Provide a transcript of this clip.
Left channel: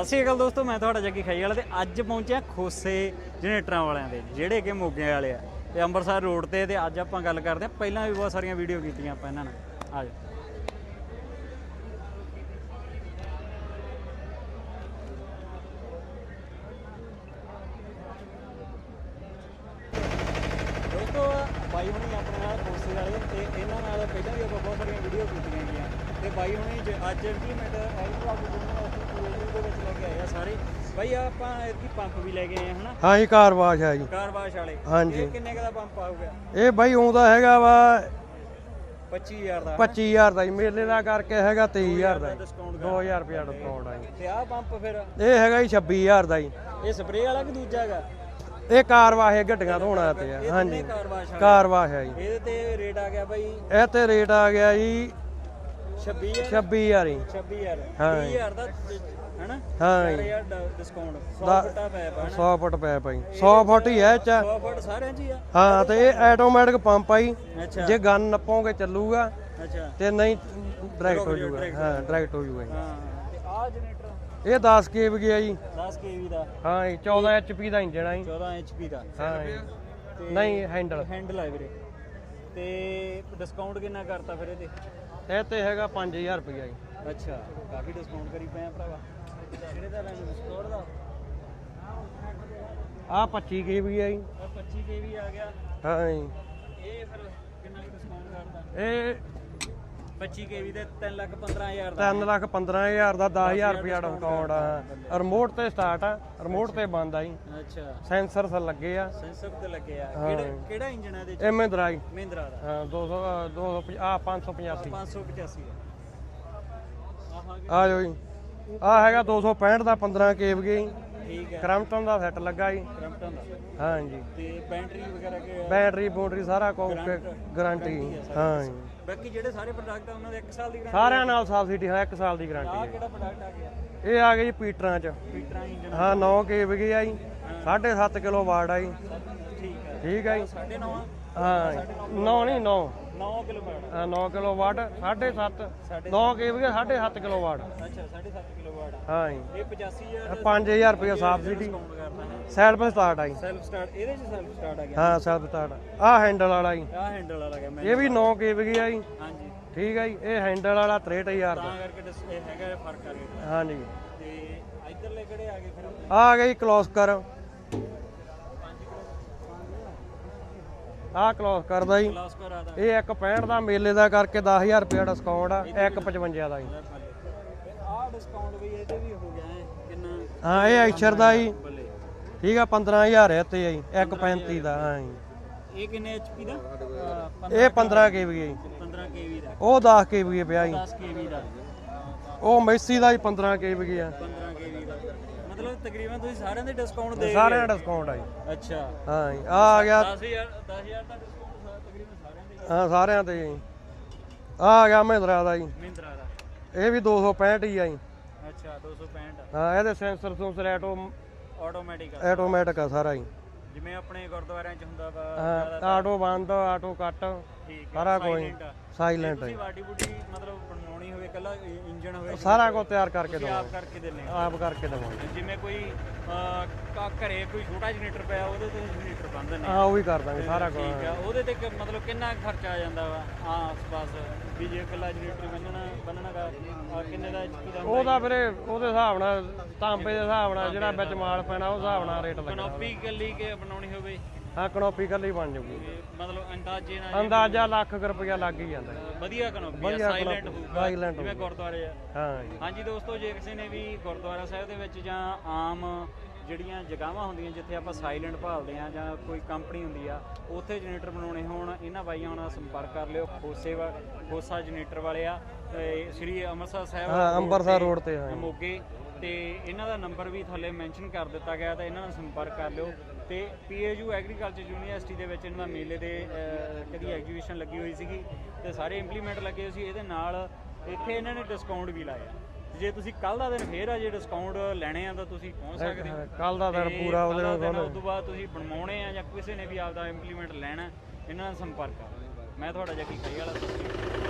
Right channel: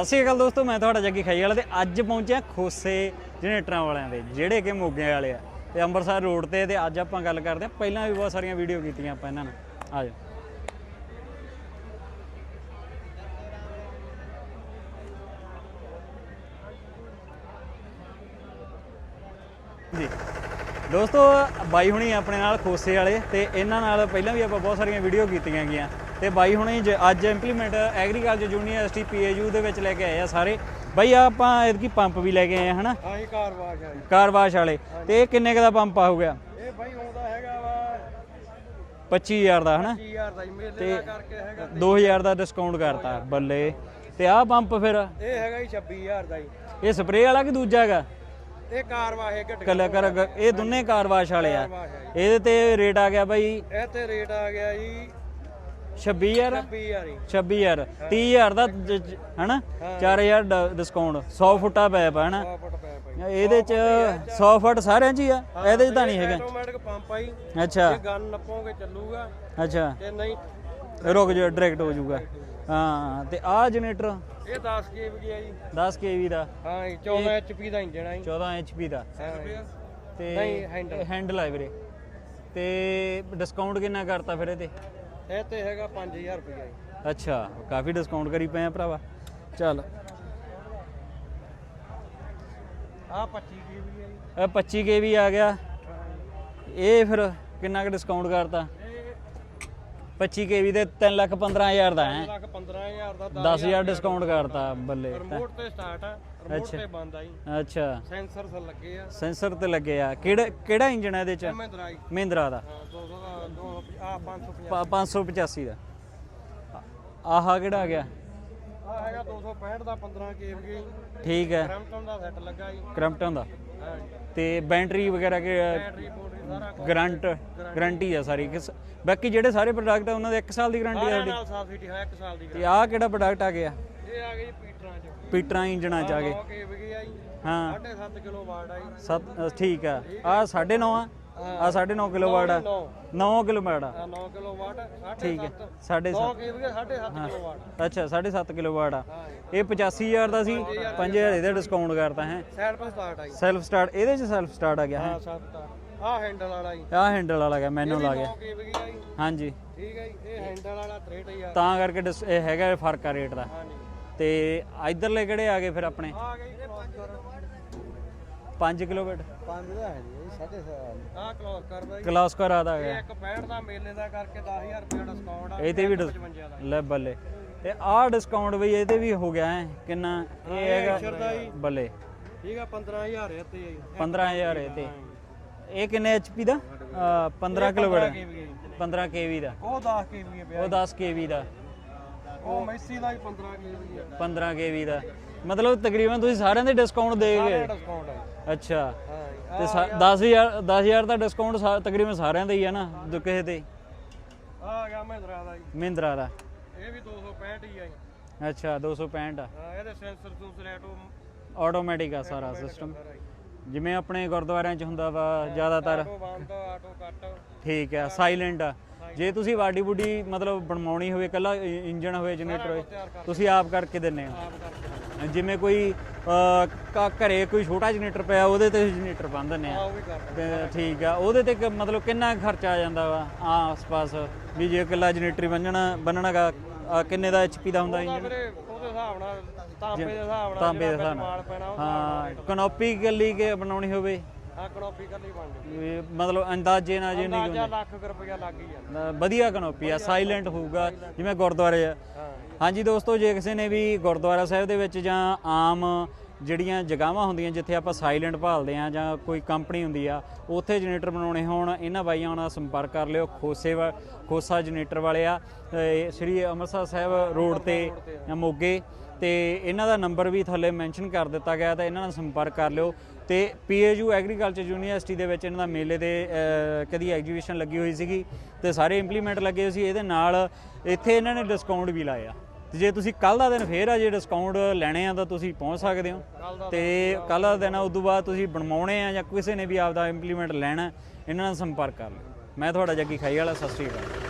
ਸਤਿ ਸ਼੍ਰੀ ਅਕਾਲ ਦੋਸਤੋ, ਮੈਂ ਤੁਹਾਡਾ ਜੱਗੀ ਖਾਈ ਵਾਲਾ ਤੇ ਅੱਜ ਪਹੁੰਚਿਆ ਖੋਸੇ ਜਨਰੇਟਰਾਂ ਵਾਲਿਆਂ ਦੇ, ਜਿਹੜੇ ਕਿ ਮੋਗੇ ਵਾਲੇ ਆ। ਤੇ ਅੰਮ੍ਰਿਤਸਰ ਰੋਡ ਤੇ ਤੇ ਅੱਜ ਆਪਾਂ ਗੱਲ ਕਰਦੇ ਆ ਪਹਿਲਾਂ ਵੀ ਬਹੁਤ ਸਾਰੀਆਂ ਵੀਡੀਓ ਕੀਤੀਆਂ ਆਪਾਂ ਇਹਨਾਂ ਨਾਲ ਆ ਦੋਸਤੋ, ਬਾਈ ਹੁਣੀ ਆਪਣੇ ਨਾਲ ਖੋਸੇ ਵਾਲੇ ਤੇ ਇਹਨਾਂ ਨਾਲ ਪਹਿਲਾਂ ਵੀ ਆਪਾਂ ਬਹੁਤ ਸਾਰੀਆਂ ਵੀਡੀਓ ਕੀਤੀਆਂ ਗਈਆਂ। ਤੇ ਬਾਈ ਹੁਣੀ ਜ- ਅੱਜ ਇੰਪਲੀਮੈਂਟ ਐਗਰੀਕਲਚਰ ਯੂਨੀਵਰਸਿਟੀ ਪੀਏਯੂ ਦੇ ਵਿੱਚ ਲੈ ਕੇ ਆਏ ਆ ਸਾਰੇ। ਬਾਈ ਆਪਾਂ ਇਹਦੀ ਪੰਪ ਵੀ ਲੈ ਕੇ ਆਏ ਆ ਹਨਾ? ਹਾਂ ਜੀ ਕਾਰਵਾਸ਼ ਹੈ ਜੀ। ਕਾਰਵਾਸ਼ ਵਾਲੇ। ਹਾਂਜੀ। ਤੇ ਕਿੰਨੇ ਕੁ ਦਾ ਪੰਪ ਆਊਗਾ ਇਹ ਬਾਈ ਆਉਂਦਾ ਹੈਗਾ ਵਾ 25000 ਦਾ ਹਨਾ? 25000 ਦਾ ਜੀ ਮੇਲੇ ਦਾ ਕਰਕੇ ਹੈਗਾ 2000 23000 ਦਾ ਡਿਸਕਾਊਂਟ ਕਰਤਾ 2000 ਰੁਪਏ ਬੱਲੇ। ਆ। ਤੇ ਆਹ ਪੰਪ ਫਿਰ? ਇਹ ਹੈਗਾ ਜੀ 26000 ਦਾ ਜੀ। ਇਹ ਸਪਰੇਅ ਵਾਲਾ ਕਿ ਦੂਜਾ ਹੈਗਾ? ਇਹ ਕਾਰਵਾਸ਼ ਹੈ ਘਟਕਾ ਕੱਲੇ ਕਰ ਇਹ ਦੋਨੇ ਕਾਰਵਾਸ਼ ਵਾਲੇ ਆ। ਕਾਰਵਾਸ਼ ਹੈ ਜੀ। ਇਹਦੇ ਤੇ ਰੇਟ ਆ ਗਿਆ ਬਾਈ? ਇਹ ਤੇ ਰੇਟ ਆ ਗਿਆ ਜੀ 26000 26000 ਜੀ 26000 ਹਾਂ। 30000 ਦਾ ਹਨਾ? ਹਾਂ। 4000 ਦਾ ਡਿਸਕਾਊਂਟ 100 ਫੁੱਟਾ ਪੈਪ ਹਨਾ? 100 ਫੁੱਟ ਪੈ ਭਾਈ ਇਹਦੇ 100 ਚ ਫੁੱਟ ਹੀ ਹੈ ਇਹ ਚ। 100 ਫੁੱਟ ਸਾਰਿਆਂ 'ਚ ਹੀ ਆ? ਹਾਂ ਇਹਦੇ ਤੇ ਨਹੀਂ। ਆਟੋਮੈਟਿਕ ਪੰਪ ਆਈ ਅੱਛਾ। ਜੇ ਗਨ ਨੱਪੋਗੇ ਚੱਲੂਗਾ ਅੱਛਾ। ਤੇ ਨਹੀਂ ਰੁਕ ਜਾ ਡਾਇਰੈਕਟ ਹੋ ਜਾਊਗਾ। ਡਾਇਰੈਕਟ ਹੋ ਜਾਊਗਾ ਹਾਂ ਤੇ ਆਹ ਜਨਰੇਟਰ ਇਹ 10 ਕੇਵ ਗਿਆ ਜੀ। 10 kV ਦਾ? ਹਾਂ ਜੀ 14 ਐਚਪੀ ਦਾ ਇੰਜਣ ਆ ਜੀ। 14 HP ਦਾ। ਹਾਂ ਜੀ। ਤੇ ਨਹੀਂ ਹੈਂਡਲ ਹੈਂਡਲ ਆ ਵੀਰੇ। ਤੇ ਡਿਸਕਾਊਂਟ ਕਿੰਨਾ ਕਰਤਾ ਫਿਰ ਇਹਦੇ? ਇਹ ਤੇ ਹੈਗਾ 5000 ਰੁਪਇਆ ਜੀ। ਅੱਛਾ ਕਾਫੀ ਡਿਸਕਾਊਂਟ ਕਰੀ ਪਏ ਆ ਭਰਾਵਾ। ਚੱਲ। ਆਹ 25 ਕੇਵ ਗਿਆ ਜੀ। ਇਹ 25 kV ਆ ਗਿਆ। ਹਾਂ ਜੀ। ਇਹ ਫਿਰ ਕਿੰਨਾ ਕੁ ਡਿਸਕਾਊਂਟ ਕਰਤਾ? ਇਹ 25 kV ਦੇ 3 ਲੱਖ 15000 ਦਾ 3 ਲੱਖ 15000 ਦਾ 10000 10000 discount ਕਰਤਾ, ਬੱਲੇ। ਰਿਮੋਟ ਤੇ ਸਟਾਰਟ ਆ ਰਿਮੋਟ ਤੇ ਬੰਦ ਆ ਜੀ। ਅੱਛਾ। ਸੈਂਸਰ ਸ ਲੱਗੇ ਆ। ਸੈਂਸਰ ਤੇ ਲੱਗੇ ਆ। ਕਿਹੜਾ ਕਿਹੜਾ ਇੰਜਨ ਹੈ ਇਹਦੇ ਚ? ਐਮਏ ਦਰਾਈ ਮਹਿੰਦਰਾ ਦਾ। ਹਾਂ 200 250 ਆ 550 ਪ- 585 ਦਾ। ਆਹਾ ਕਿਹੜਾ ਆ ਗਿਆ ਜੀ। ਆ ਹੈਗਾ 265 ਦਾ 15 ਕੇਵ ਗਈ ਠੀਕ ਹੈ। ਕ੍ਰਮਟਨ ਦਾ ਸੈੱਟ ਲੱਗਾ ਜੀ। ਕਰੰਪਟਨ ਦਾ। ਹਾਂ ਜੀ ਤੇ ਬੈਟਰੀ ਵਗੈਰਾ ਕਿ ਬੈਟਰੀ ਬੋਟਰੀ ਸਾਰਾ ਕੁਝ ਗਰੰਟ ਗਾਰੰਟੀ ਆ ਸਾਰੀ। ਕਿਸ- ਬਾਕੀ ਜਿਹੜੇ ਸਾਰੇ ਪ੍ਰੋਡਕਟ ਆ ਉਹਨਾਂ ਦੇ 1 ਸਾਲ ਦੀ ਗਾਰੰਟੀ ਸਾਰਿਆਂ ਨਾਲ ਸਬਸਿਡੀ ਹੈ 1 ਸਾਲ ਦੀ ਗਾਰੰਟੀ ਆਹ ਕਿਹੜਾ ਪ੍ਰੋਡਕਟ ਆ ਗਿਆ? ਇਹ ਆ ਗਈ ਜੀ ਪੀਟਰਾਂ ਚ। ਪੀਟਰਾਂ ਇੰਜਨਾਂ ਆ ਚ 9 ਕੇਵ ਗਈ ਆ ਜੀ। ਹਾਂ। 7.5 ਕਿਲੋ ਵਾਟ ਆ ਜੀ। ਸੱਤ ਠੀਕ ਆ। ਠੀਕ ਆ 9.5 ਆ। ਆ 9.5 ਕਿਲੋ ਵਾਟ 9 9 ਕਿਲੋ ਵਾਟ ਆ। 9 ਕਿਲੋ ਵਾਟ 7.5 ਸਾਢੇ 9 ਕੇਵ ਗਈ 7.5 ਕਿਲੋ ਵਾਟ ਅੱਛਾ 7.5 ਕਿਲੋ ਵਾਟ ਆ। ਹਾਂ ਜੀ। ਇਹ 85000 ਦਾ ਸੀ। 5000 ਰੁਪਏ 5000 ਇਹਦਾ ਡਿਸਕਾਊਂਟ ਕਰਤਾ ਹੈ। ਸਾਈਡ ਸਟਾਰਟ ਆ ਜੀ। ਸੈਲਫ ਸਟਾਰਟ ਇਹਦੇ ਚ ਸੈਲਫ ਸਟਾਰਟ ਆ ਗਿਆ ਹਾਂ ਸੈਲਫ ਸਟਾਰਟ ਆ। ਹੈਂਡਲ ਵਾਲਾ ਜੀ। ਆ ਹੈਂਡਲ ਵਾਲਾ ਗਿਆ ਇਹ ਮੈਨੂੰ ਵੀ 9 ਕੇਵ ਆ ਜੀ। ਹਾਂਜੀ। ਠੀਕ ਆ ਜੀ। ਇਹ ਹੈਂਡਲ ਵਾਲਾ 63000 ਤਾਂ ਕਰਕੇ ਡਿਸ- ਇਹ ਹੈਗਾ ਫ਼ਰਕ ਆ ਰੇਟ ਦਾ। ਹਾਂਜੀ। ਤੇ ਇਧਰਲੇ ਕਿਹੜੇ ਆ ਗਏ ਫਿਰ ਆਪਣੇ? ਆ ਗਈ ਕਲੋਸ ਕਰ 5 ਕਿਲੋਮੀਟਰ। ਆ ਕਲੋਸ ਕਰਦਾ ਜੀ। ਕਲਾਸ ਕਰ ਆਦਾ ਇਹ 165 ਦਾ ਮੇਲੇ ਦਾ ਕਰਕੇ 10000 ਰੁਪਏ ਡਿਸਕਾਊਂਟ ਆ ਇਹਦੇ ਵੀ 155 ਦਾ ਜੀ। ਲੈ ਬੱਲੇ। ਤੇ ਆਹ ਡਿਸਕਾਊਂਟ ਬਈ ਇਹਦੇ ਵੀ ਹੋ ਗਿਆ ਹੈ ਕਿੰਨਾ? ਹਾਂ ਇਹ ਐਕਸ਼ਰ ਦਾ ਜੀ। ਬੱਲੇ। ਠੀਕ ਆ 15000 ਹੈ ਤੇ ਆ ਜੀ। 15,000 135 ਦਾ ਹਾਂ ਜੀ। ਇਹ ਕਿੰਨੇ ਐਚਪੀ ਦਾ? ਅਹ 15 ਇਹ 15 ਕੇਵੀ ਜੀ। 15 kV ਦਾ। ਉਹ 10 ਕੇਵੀ ਪਿਆ ਜੀ। 10 kV ਦਾ। ਉਹ ਮੈਸੀ ਦਾ ਜੀ 15 ਕੇਵੀ ਆ 15 kV ਦਾ। ਮਤਲਬ ਤਕਰੀਬਨ ਤੁਸੀਂ ਸਾਰਿਆਂ ਦੇ ਡਿਸਕਾਊਂਟ ਦੇ ਸਾਰਿਆਂ ਦਾ ਡਿਸਕਾਊਂਟ ਆ ਜੀ। ਅੱਛਾ। ਹਾਂ ਜੀ ਆ ਆ ਗਿਆ। 10000 10000 ਦਾ ਡਿਸਕਾਊਂਟ ਤਕਰੀਬਨ ਸਾਰਿਆਂ ਦਾ ਹੀ ਆ ਨਾ ਹਾਂ, ਸਾਰਿਆਂ ਕਿਸੇ ਤੇ। ਤੇ। ਆ ਆ ਗਿਆ ਮਹਿੰਦਰਾ ਦਾ ਜੀ। ਮਹਿੰਦਰਾ ਦਾ। ਇਹ ਵੀ 265 ਹੀ ਆ ਜੀ। ਅੱਛਾ 265 ਹਾਂ ਇਹਦੇ ਸੈਂਸਰ ਸੂਸਰ ਆਟੋ ਆਟੋਮੈਟਿਕ ਆ ਸਾਰਾ। ਆਟੋਮੈਟਿਕ ਆ ਸਾਰਾ ਜੀ। ਜਿਵੇਂ ਆਪਣੇ ਗੁਰਦੁਆਰਿਆਂ 'ਚ ਹੁੰਦਾ ਵਾ ਜ਼ਿਆਦਾਤਰ। ਆਟੋ ਬੰਦ ਆਟੋ ਕੱਟ। ਠੀਕ ਹੈ ਸਾਇਲੈਂਟ ਜੇ ਤੁਸੀਂ ਵਾਡੀ ਬੁੱਡੀ ਮਤਲਬ ਬਣਵਾਉਣੀ ਹੋਵੇ ਕੱਲਾ ਇੰਜਨ ਹੋਵੇ ਸਾਰਾ ਕੁਝ ਤਿਆਰ ਕਰਕੇ ਤੁਸੀਂ ਆਪ ਕਰਕੇ ਦਿੰਨੇ ਹੋ। ਆਪ ਕਰਕੇ ਦਵਾਂ ਜਿਵੇਂ ਕੋਈ ਘਰੇ ਕੋਈ ਛੋਟਾ ਜਨਰੇਟਰ ਪਿਆ ਉਹਦੇ ਤੇ ਜਨਰੇਟਰ ਬੰਨ ਦਿੰਨੇ ਆ ਆ ਉਹ ਵੀ ਕਰ ਦਾਂਗੇ ਸਾਰਾ ਠੀਕ ਆ ਉਹਦੇ ਤੇ ਮਤਲਬ ਕਿੰਨਾ ਖਰਚਾ ਆ ਜਾਂਦਾ ਵਾ ਆਸ-ਪਾਸ ਵੀ ਜੇ ਇਕੱਲਾ ਜਨਰੇਟਰ ਬੰਨਣਾ ਬੰਨਣਾਗਾ ਕਿੰਨੇ ਦਾ ਐਚਪੀ ਦਾ ਹੁੰਦਾ ਉਹਦਾ ਫਿਰ ਉਹਦੇ ਹਿਸਾਬ ਨਾਲ ਤਾਂਬੇ ਦੇ ਹਿਸਾਬ ਨਾਲ ਜਿਹੜਾ ਵਿੱਚ ਮਾਲ ਪੈਣਾ ਉਹ ਹਿਸਾਬ ਨਾਲ ਰੇਟ ਕਨੋਪੀ ਗੱਲੀ ਕੇ ਬਣਾਉਣੀ ਹੋਵੇ? ਆ ਕਨੋਪੀ ਕੱਲੀ ਬਣ ਜਾਊਗੀ। ਇਹ ਮਤਲਬ ਅੰਦਾਜ਼ੇ ਨਾਲ ਜੇ ਅੰਦਾਜ਼ਾ ਲੱਖ ਕੁ ਰੁਪਇਆ ਲੱਗ ਹੀ ਜਾਂਦਾ। ਅਹ, ਵਧੀਆ ਕਨੋਪੀ ਆ ਸਾਇਲੈਂਟ ਹੋਊਗਾ ਜਿਵੇਂ ਗੁਰਦੁਆਰੇ ਆ। ਹਾਂ ਜੀ। ਹਾਂਜੀ ਦੋਸਤੋ ਜੇ ਕਿਸੇ ਨੇ ਵੀ ਗੁਰਦੁਆਰਾ ਸਾਹਿਬ ਦੇ ਵਿੱਚ ਜਾਂ ਆਮ ਜਿਹੜੀਆਂ ਜਗ੍ਹਾਵਾਂ ਹੁੰਦੀਆਂ ਜਿੱਥੇ ਆਪਾਂ ਸਾਇਲੈਂਟ ਭਾਲਦੇ ਆ ਜਾਂ ਕੋਈ ਕੰਪਨੀ ਹੁੰਦੀ ਆ ਉੱਥੇ ਜਨਰੇਟਰ ਬਣਾਉਣੇ ਹੋਣ ਇਹਨਾਂ ਬਾਈਆਂ ਨਾਲ ਸੰਪਰਕ ਕਰ ਲਿਓ ਖੋਸੇ ਖੋਸਾ ਜਨਰੇਟਰ ਵਾਲੇ ਆ ਸ੍ਰੀ ਅੰਮ੍ਰਿਤਸਰ ਸਾਹਿਬ ਰੋਡ ਅੰਮ੍ਰਿਤਸਰ road ਤੇ, ਮੋਗੇ ਤੇ ਇਹਨਾਂ ਦਾ ਨੰਬਰ ਵੀ ਥੱਲੇ ਮੈਂਸ਼ਨ ਕਰ ਦਿੱਤਾ ਗਿਆ ਤਾਂ ਇਹਨਾਂ ਨਾਲ ਸੰਪਰਕ ਕਰ ਲਿਓ। ਤੇ ਪੀਏਯੂ ਐਗਰੀਕਲਚਰ ਯੂਨੀਵਰਸਿਟੀ ਦੇ ਵਿੱਚ ਇਹਨਾਂ ਦਾ ਮੇਲੇ ਦੇ ਕਦੀ ਐਗਜੀਬਿਸ਼ਨ ਲੱਗੀ ਹੋਈ ਸੀਗੀ ਤੇ ਸਾਰੇ ਇੰਪਲੀਮੈਂਟ ਲੱਗੇ ਹੋਏ ਸੀ ਇਹਦੇ ਨਾਲ ਇੱਥੇ ਇਹਨਾਂ ਨੇ ਡਿਸਕਾਊਂਟ ਵੀ ਲਾਇਆ। ਤੇ ਜੇ ਤੁਸੀਂ ਕੱਲ ਦਾ ਦਿਨ ਫੇਰ ਆ ਜੇ ਡਿਸਕਾਊਂਟ ਲੈਣੇ ਆ ਤਾਂ ਤੁਸੀਂ ਪਹੁੰਚ ਸਕਦੇ ਹੋ। ਕੱਲ ਦਾ ਦਿਨ ਤੇ ਪੂਰਾ ਕੱਲ ਦਾ ਦਿਨ ਤੋਂ ਬਾਅਦ ਤੁਸੀਂ ਬਣਵਾਉਣੇ ਆ ਜਾਂ ਕਿਸੇ ਨੇ ਵੀ ਆਪਦਾ ਇੰਪਲੀਮੈਂਟ ਲੈਣਾ ਇਹਨਾਂ ਨਾਲ ਸੰਪਰਕ ਕਰ ਲਓ। ਮੈਂ ਤੁਹਾਡਾ ਜੱਗੀ ਖਾਈ ਵਾਲਾ ਸਤਿ ਸ਼੍ਰੀ ਅਕਾਲ।